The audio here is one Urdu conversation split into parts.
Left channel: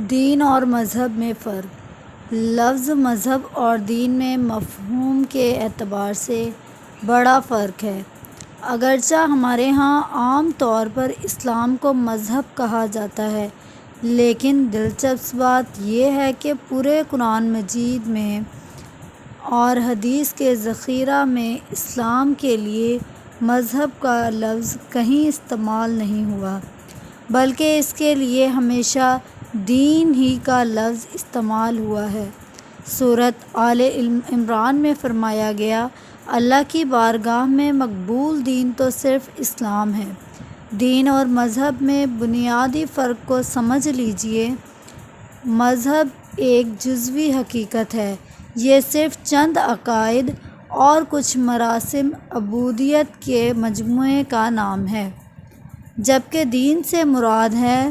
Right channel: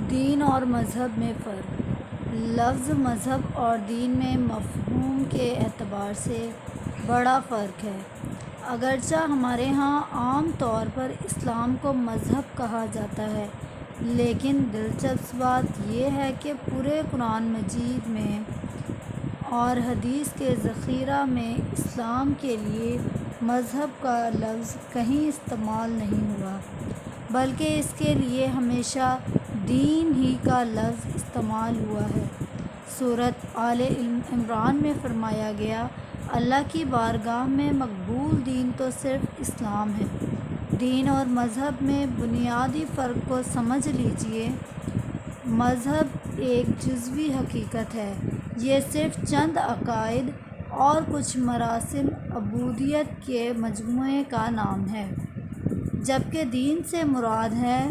دین اور مذہب میں فرق۔ لفظ مذہب اور دین میں مفہوم کے اعتبار سے بڑا فرق ہے۔ اگرچہ ہمارے ہاں عام طور پر اسلام کو مذہب کہا جاتا ہے، لیکن دلچسپ بات یہ ہے کہ پورے قرآن مجید میں اور حدیث کے ذخیرہ میں اسلام کے لیے مذہب کا لفظ کہیں استعمال نہیں ہوا، بلکہ اس کے لیے ہمیشہ دین ہی کا لفظ استعمال ہوا ہے۔ سورۃ آل عمران میں فرمایا گیا، اللہ کی بارگاہ میں مقبول دین تو صرف اسلام ہے۔ دین اور مذہب میں بنیادی فرق کو سمجھ لیجیے۔ مذہب ایک جزوی حقیقت ہے، یہ صرف چند عقائد اور کچھ مراسم عبودیت کے مجموعے کا نام ہے، جبکہ دین سے مراد ہے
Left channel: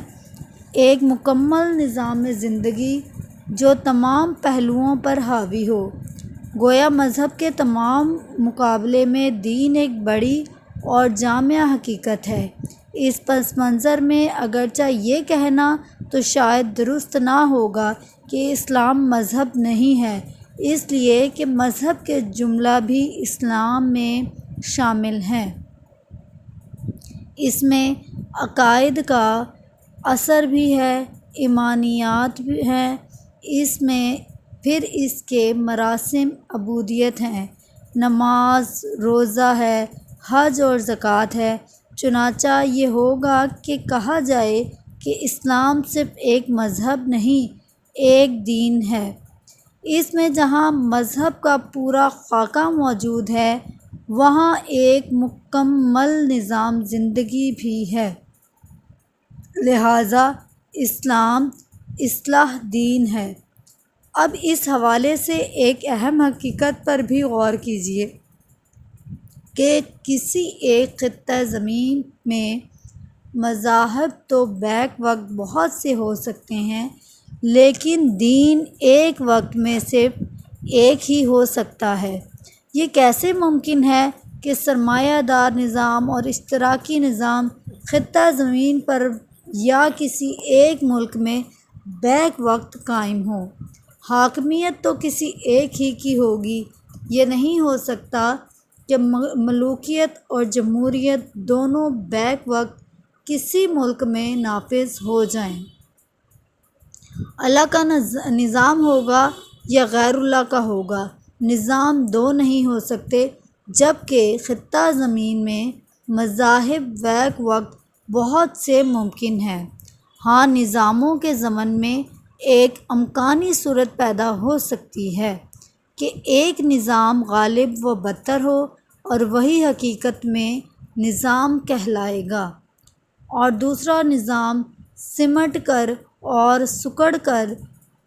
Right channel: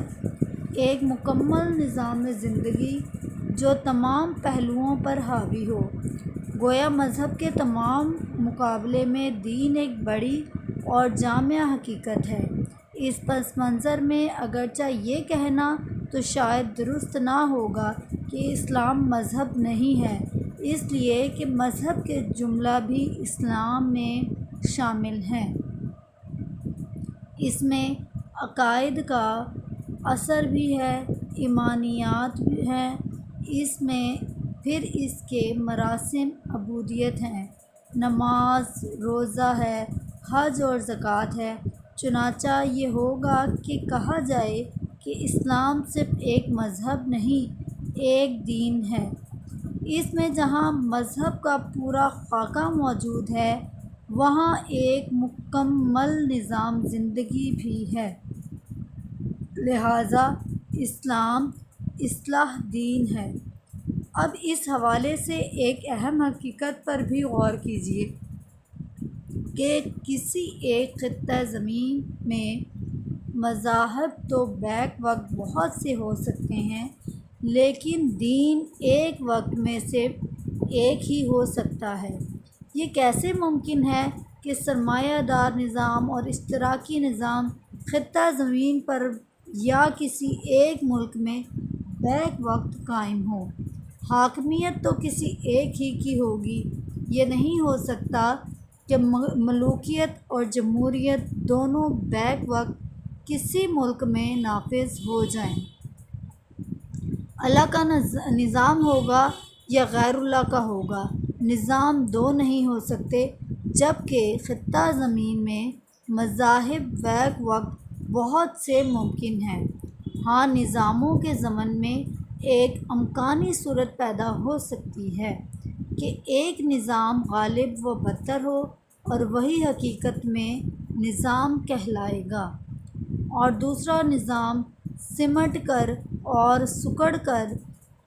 ایک مکمل نظام زندگی جو تمام پہلوؤں پر حاوی ہو۔ گویا مذہب کے تمام مقابلے میں دین ایک بڑی اور جامع حقیقت ہے۔ اس پس منظر میں اگرچہ یہ کہنا تو شاید درست نہ ہوگا کہ اسلام مذہب نہیں ہے، اس لیے کہ مذہب کے جملہ بھی اسلام میں شامل ہیں۔ اس میں عقائد کا اثر بھی ہے، ایمانیات ہیں، اس میں پھر اس کے مراسم عبودیت ہیں، نماز، روزہ ہے، حج اور زکوٰۃ ہے۔ چنانچہ یہ ہوگا کہ کہا جائے کہ اسلام صرف ایک مذہب نہیں، ایک دین ہے۔ اس میں جہاں مذہب کا پورا خاکہ موجود ہے، وہاں ایک مکمل نظام زندگی بھی ہے۔ لہٰذا اسلام اصلاح دین ہے۔ اب اس حوالے سے ایک اہم حقیقت پر بھی غور کیجیے کہ کسی ایک خطہ زمین میں مذاہب تو بیک وقت بہت سے ہو سکتے ہیں، لیکن دین ایک وقت میں صرف ایک ہی ہو سکتا ہے۔ یہ کیسے ممکن ہے کہ سرمایہ دار نظام اور اشتراکی نظام خطہ زمین پر یا کسی ایک ملک میں بیک وقت قائم ہوں؟ حاکمیت تو کسی ایک ہی کی ہوگی۔ یہ نہیں ہو سکتا کہ ملوکیت اور جمہوریت دونوں بیک وقت کسی ملک میں نافذ ہو جائیں۔ اللہ کا نظام ہوگا یا غیر اللہ کا ہوگا، نظام دو نہیں ہو سکتے، جبکہ خطہ زمین میں مذاہب بیک وقت بہت سے ممکن ہیں۔ ہاں، نظاموں کے ضمن میں ایک امکانی صورت پیدا ہو سکتی ہے کہ ایک نظام غالب و برتر ہو اور وہی حقیقت میں نظام کہلائے گا، اور دوسرا نظام سمٹ کر اور سکڑ کر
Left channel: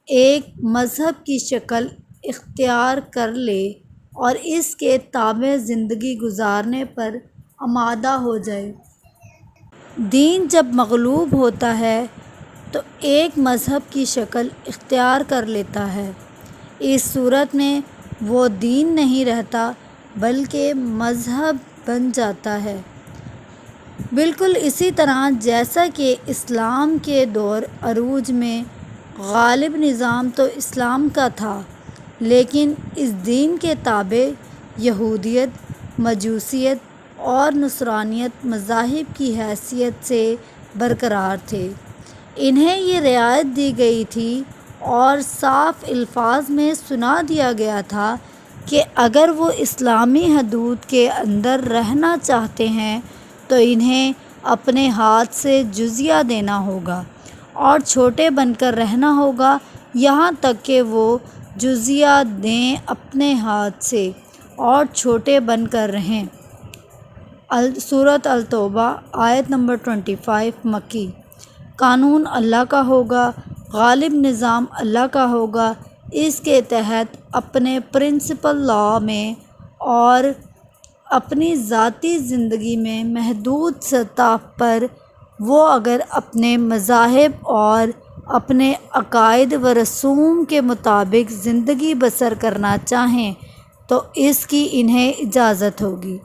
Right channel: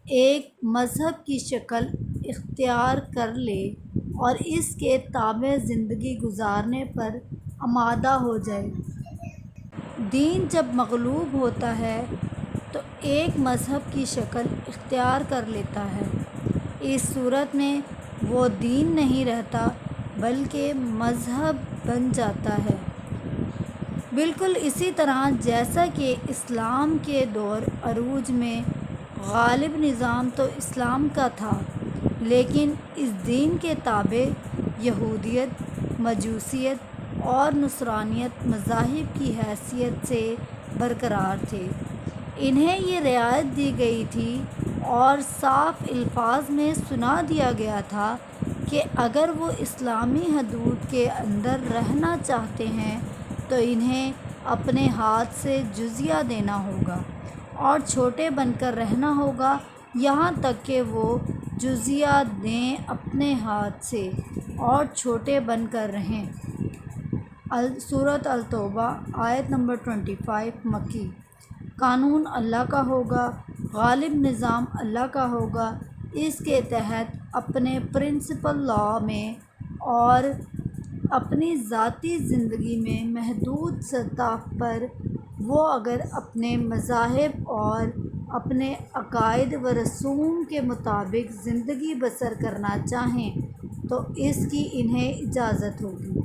ایک مذہب کی شکل اختیار کر لے اور اس کے تابع زندگی گزارنے پر آمادہ ہو جائے۔ دین جب مغلوب ہوتا ہے تو ایک مذہب کی شکل اختیار کر لیتا ہے۔ اس صورت میں وہ دین نہیں رہتا بلکہ مذہب بن جاتا ہے۔ بالکل اسی طرح جیسا کہ اسلام کے دور عروج میں غالب نظام تو اسلام کا تھا، لیکن اس دین کے تابع یہودیت، مجوسیت اور نصرانیت مذاہب کی حیثیت سے برقرار تھے۔ انہیں یہ رعایت دی گئی تھی اور صاف الفاظ میں سنا دیا گیا تھا کہ اگر وہ اسلامی حدود کے اندر رہنا چاہتے ہیں تو انہیں اپنے ہاتھ سے جزیہ دینا ہوگا اور چھوٹے بن کر رہنا ہوگا، یہاں تک کہ وہ جزیہ دیں اپنے ہاتھ سے اور چھوٹے بن کر رہیں۔ سورۃ التوبہ آیت نمبر 25 مکی۔ قانون اللہ کا ہوگا، غالب نظام اللہ کا ہوگا۔ اس کے تحت اپنے پرنسپل لاء میں اور اپنی ذاتی زندگی میں محدود سطح پر وہ اگر اپنے مذاہب اور اپنے عقائد و رسوم کے مطابق زندگی بسر کرنا چاہیں تو اس کی انہیں اجازت ہوگی۔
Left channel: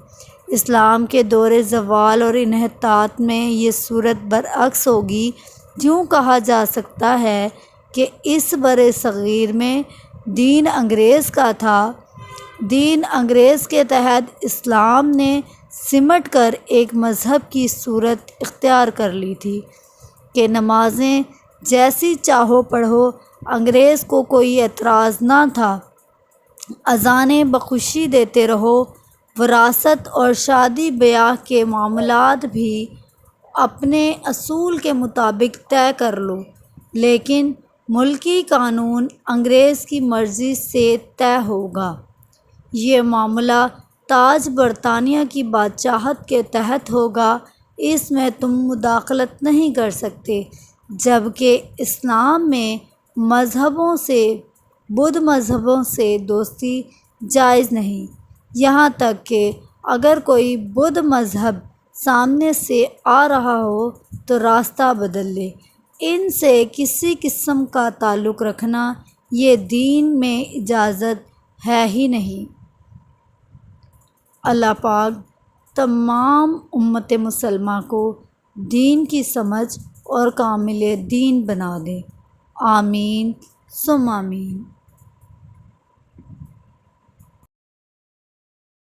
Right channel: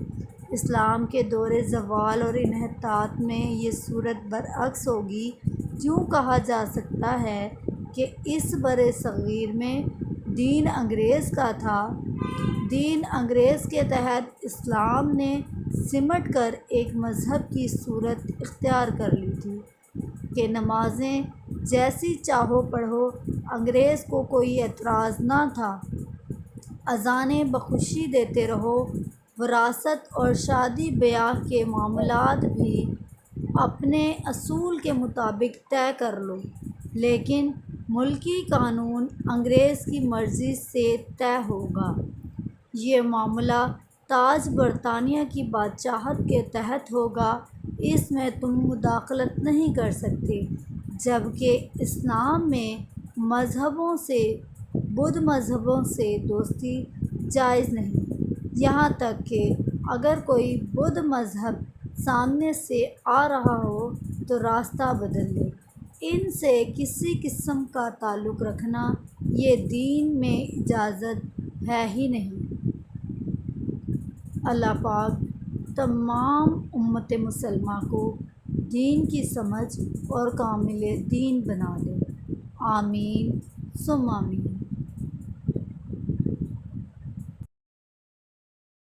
اسلام کے دور زوال اور انحطاط میں یہ صورت برعکس ہوگی یوں کہا جا سکتا ہے کہ اس برِ صغیر میں دین انگریز کا تھا۔ دین انگریز کے تحت اسلام نے سمٹ کر ایک مذہب کی صورت اختیار کر لی تھی کہ نمازیں جیسی چاہو پڑھو، انگریز کو کوئی اعتراض نہ تھا۔ اذانیں بخوشی دیتے رہو، وراثت اور شادی بیاہ کے معاملات بھی اپنے اصول کے مطابق طے کر لو، لیکن ملکی قانون انگریز کی مرضی سے طے ہوگا۔ یہ معاملہ تاج برطانیہ کی بادشاہت کے تحت ہوگا، اس میں تم مداخلت نہیں کر سکتے، جبکہ اسلام میں بدھ مذہبوں سے دوستی جائز نہیں، یہاں تک کہ اگر کوئی بدھ مذہب سامنے سے آ رہا ہو تو راستہ بدل لے، ان سے کسی قسم کا تعلق رکھنا یہ دین میں اجازت ہے ہی نہیں۔ اللہ پاک تمام امت مسلمہ کو دین کی سمجھ اور کامل دین بنا دے، آمین ثم آمین۔